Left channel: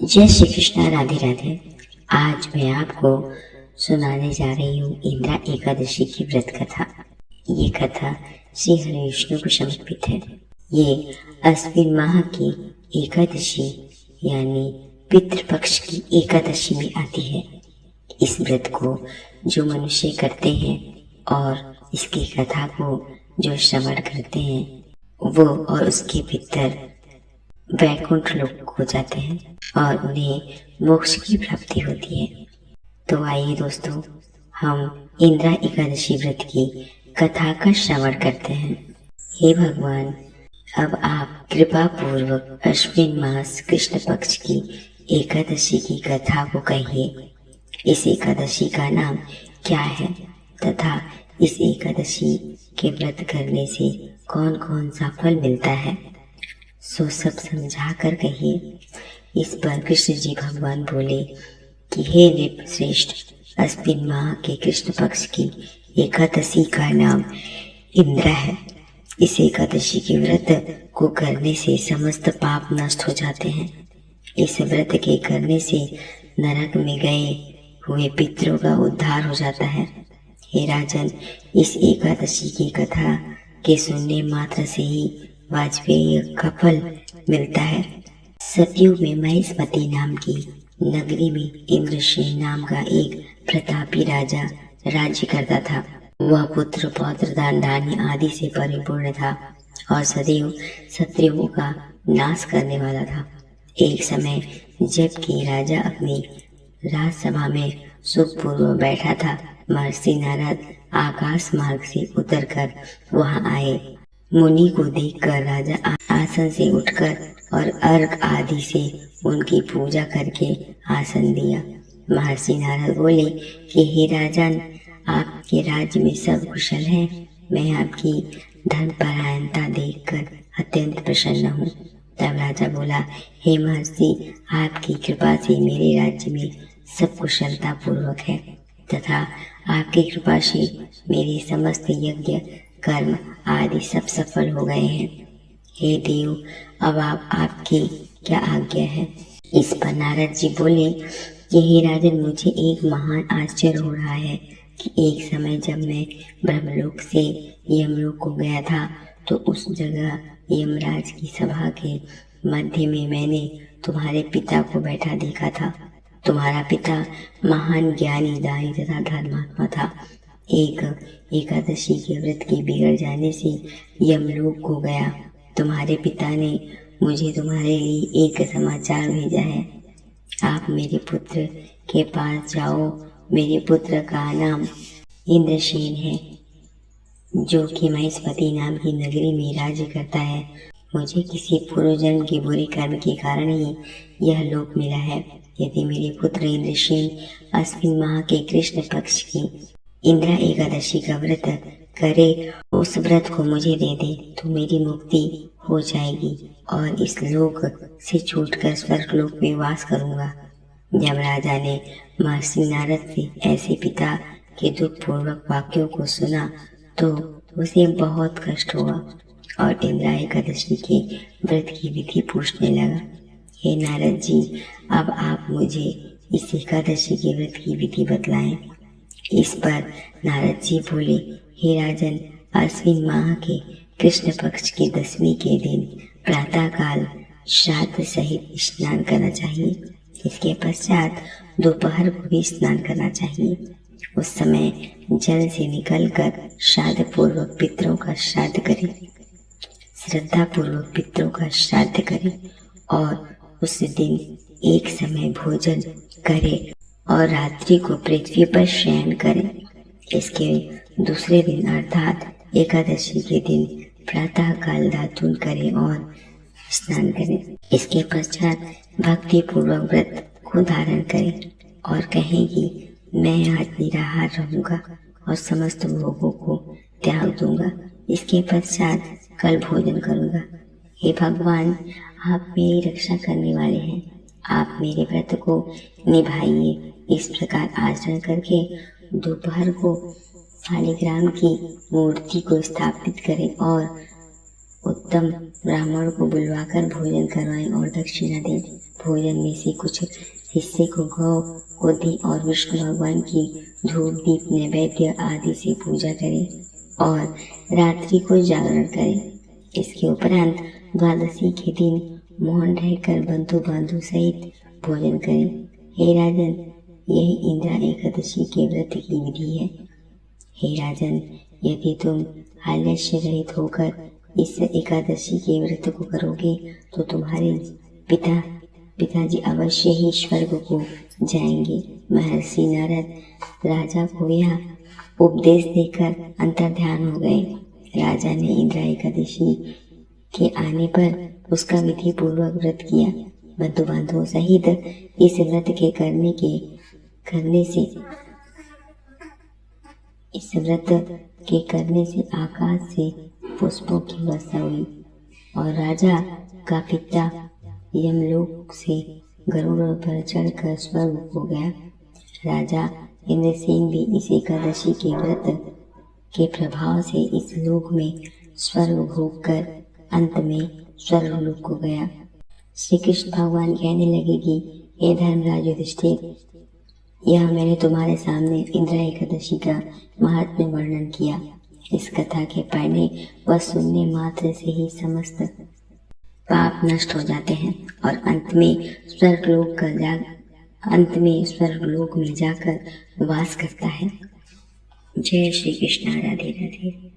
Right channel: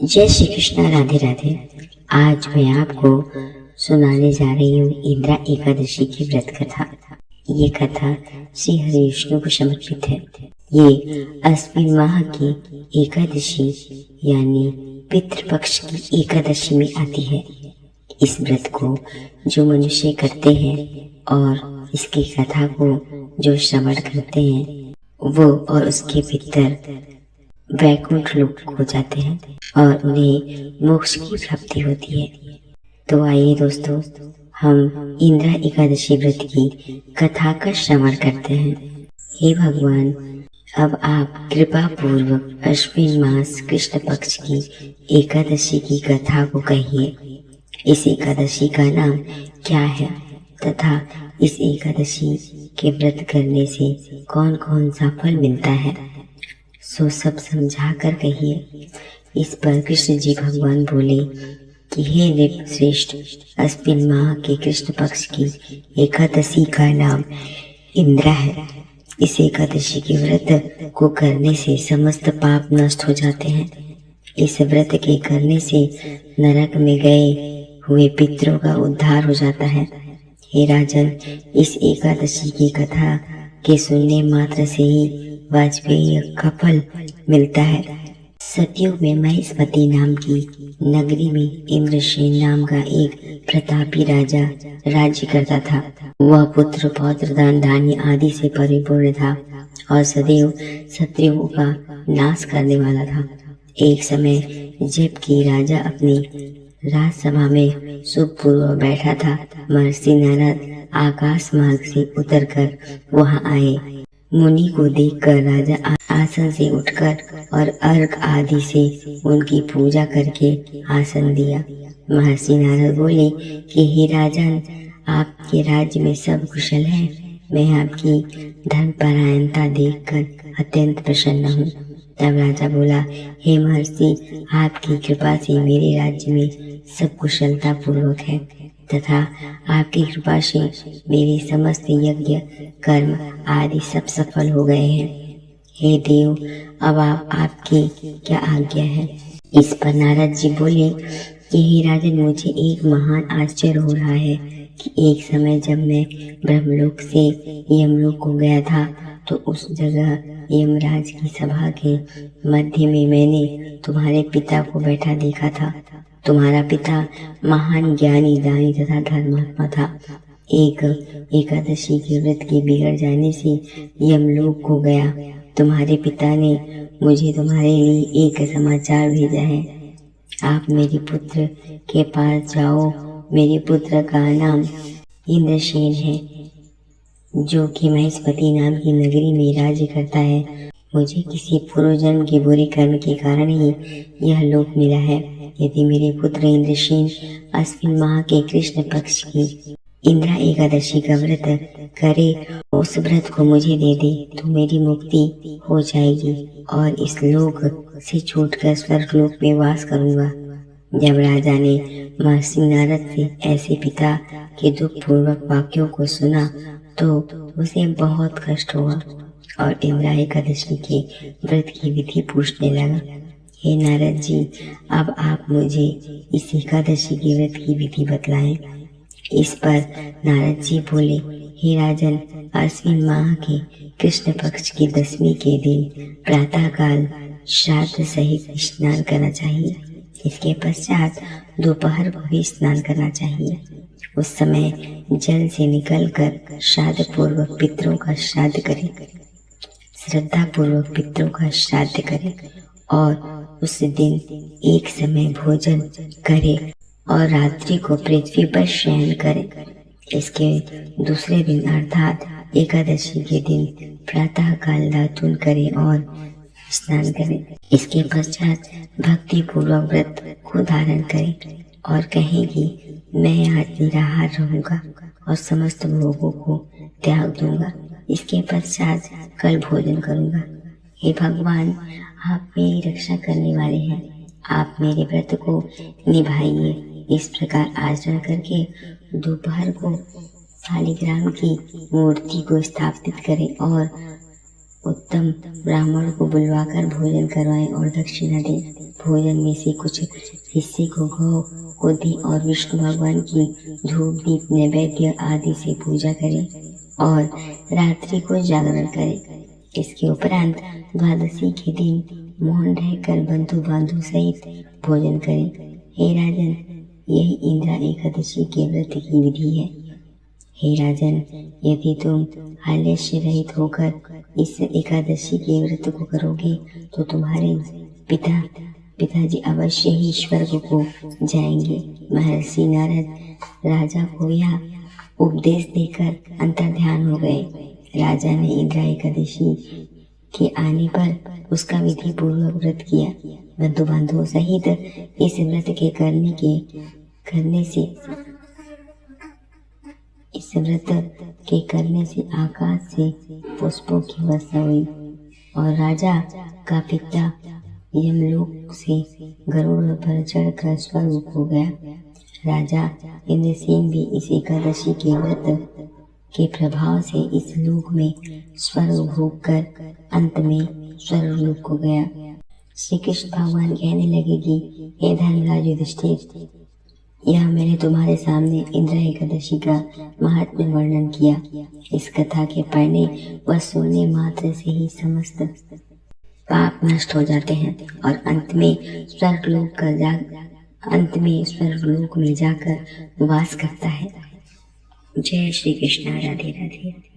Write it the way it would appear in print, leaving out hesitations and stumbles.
जय श्री कृष्णा। राधे राधे। आज मैं आपको सुनाने जा रही हूँ इंद्रा एकादशी की व्रत कथा। ये कथा श्री हरि विष्णु को समर्पित है। ये अश्विन माह की एकादशी यानी पितृपक्ष की एकादशी में आती है। इस व्रत को जो मनुष्य करते हैं और इसकी कथा को जो श्रवण करते हैं वो और उसके पितर वैकुंठ लोक हो जाते हैं और उन्हें मोक्ष की प्राप्ति होती है। तो आइए दोस्तों, हम इंद्रा एकादशी व्रत की कथा का श्रवण करते हैं। हे भगवान, अब आप कृपा पूर्वक अश्विन मास कृष्ण पक्ष की एकादशी की कथा को कहिए। इस एकादशी का नाम क्या है तथा इस एकादशी के व्रत करने से कौन कौन सा फल मिलता है, सो सब समझा कर कहिए। इस पर कृष्ण जी भगवान बोले कि हे नृप श्रेष्ठ, अश्विन माह के कृष्ण पक्ष की एकादशी का नाम इंद्रा है। इस एकादशी के व्रत को करने से समस्त पाप नष्ट हो जाते हैं। इस व्रत के करने से नरक में गए हुए पितरों का उद्धार हो जाता है। हे राजन, इस एकादशी की कथा के सुनने मात्र से ही वाजपेयी का फल मिलता है। सतयुग में महेशमती नाम की नगरी में इंद्रसेन नाम का एक प्रतापी राजा राज्य करता था। वह पुत्र पौत्र दान धान्य आदि से परिपूर्ण था और सदैव शत्रुओं का नाश करने वाला था। एक समय जबकि राजा अपनी राजसभा में सुखपूर्वक बैठा था, महर्षि नारद आकाश मार्ग से उतरकर वहां आए। मुनि को देखकर राजा आसन से उठकर और अर्घ आदि से उनकी पूजा करके आसन दिया। महर्षि नारद बोले कि हे राजन, आपके राज्य में सब कुशल है। मैं आपकी धर्मपरायणता देखकर अत्यंत प्रसन्न हूँ। तब राजा बोला, हे महर्षि, आपकी कृपा से मेरे राज्य में सब कुशलता पूर्वक है तथा आपकी कृपा से मेरे समस्त यज्ञ कर्म आदि सब सफल हो गए हैं। हे देव, अब आपकी क्या आज्ञा है। इस पर नारद जी बोले कि हे राजन, मुझे एक महान आश्चर्य हो रहा है कि एक समय जब मैं ब्रह्मलोक से यमलोक को गया था तो उस जगह यमराज की सभा के मध्य में मैंने तुम्हारे पिता को बैठा देखा था। तुम्हारा पिता महान ज्ञानी, दानी तथा धर्मात्मा था। एक एकादशी के व्रत के बिगड़ जाने से यमलोक को गया। तुम्हारे पिता ने मुझे तुम्हारे लिए एक समाचार भेजा है। आप मेरे पुत्र के पास जाओ। मेरे पुत्र का नाम इंद्रसेन है, जो कि महेशमती नाम की नगरी में राज्य करता है। मुझे किसी पूर्व जन्म के बुरे कर्म के कारण ही यह लोक मिला है। यदि मेरे पुत्र इंद्रसेन अश्विन माह के कृष्ण पक्ष की इंद्रा एकादशी का व्रत करे, उस व्रत को मुझे दे दे तो मेरी मुक्ति हो जाएगी और इस लोक से छूटकर स्वर्ग लोक में वास करूंगा। जब राजा ने महर्षि नारद से ऐसे पिता के दुख पूर्वक वाक्यों को सुना तो उसे बहुत कष्ट हुआ और इंद्रा एकादशी के व्रत की विधि पूछने लगा। हे नारद जी, अब आप मुझे इस एकादशी के व्रत की विधि बतलाएं। इस पर नारद जी बोले, हे राजन, अश्विन माह के कृष्ण पक्ष की दशमी के दिन प्रातः काल श्राद्ध सहित स्नान करना चाहिए। इसके पश्चात दोपहर को भी स्नान करना चाहिए। उस समय जल से निकलकर श्राद्ध पूर्वक पितरों का श्राद्ध करें, श्रद्धा पूर्वक पितरों का श्राद्ध करें और उस दिन एक समय भोजन करें और रात्रि को पृथ्वी पर शयन करें। इसके दूसरे दिन अर्थात एकादशी के दिन प्रातः काल दातून करें और स्नान करें। इसके पश्चात भक्ति पूर्वक व्रत को धारण करें और कहें कि मैं आज निराहार रहूंगा और समस्त भोगों को त्याग दूंगा। इसके पश्चात कल भोजन करूंगा। हे भगवान, आप मेरी रक्षा करने वाले हैं। आप मेरे व्रत को निभाइए। इस प्रकार आचरण करके दोपहर को शालिग्राम की मूर्ति को स्थापित करें और उत्तम ब्राह्मण को बुलवाकर भोजन करवाएं और दक्षिणा दें। भोजन में से कुछ हिस्से को गौ को दी और विष्णु भगवान की धूप दीप नैवेद्य आदि से पूजा करें और रात्रि को जागरण करें। इसके उपरांत द्वादशी के दिन मौन रहकर बंधु बांधु सहित भोजन करें। हे राजन, यही इंद्रा एकादशी के व्रत की विधि है। हे राजन, यदि तुम आलस्य रहित होकर इस एकादशी के व्रत को करोगे तो तुम्हारे पिताजी अवश्य ही स्वर्ग को जाएंगे। महर्षि नारद राजा को यह उपदेश देकर अंतर्ध्यान हो गए। राजा ने इंद्रा एकादशी के आने पर उसका विधि पूर्वक व्रत किया। बंधु बांधवों सहित इस व्रत के करने से आकाश से पुष्पों की वर्षा हुई और राजा का पिता यमलोक से गरुड़ पर चढ़कर स्वर्ग को गया। राजा इंद्रसेन भी इस एकादशी के व्रत के प्रभाव से इस लोक में स्वर्ग भोग कर अंत में स्वर्गलोक को गया। श्री कृष्ण भगवान कहने लगे कि हे धर्मराज युधिष्ठिर, यह मैंने तुम्हारे सामने इंद्रा एकादशी का महात्म्य वर्णन किया। इस कथा के पढ़ने व सुनने मात्र से ही समस्त पाप नष्ट हो जाते हैं और अंत में स्वर्गलोक में जाकर वास करता है। जय श्री कृष्ण। राधे राधे।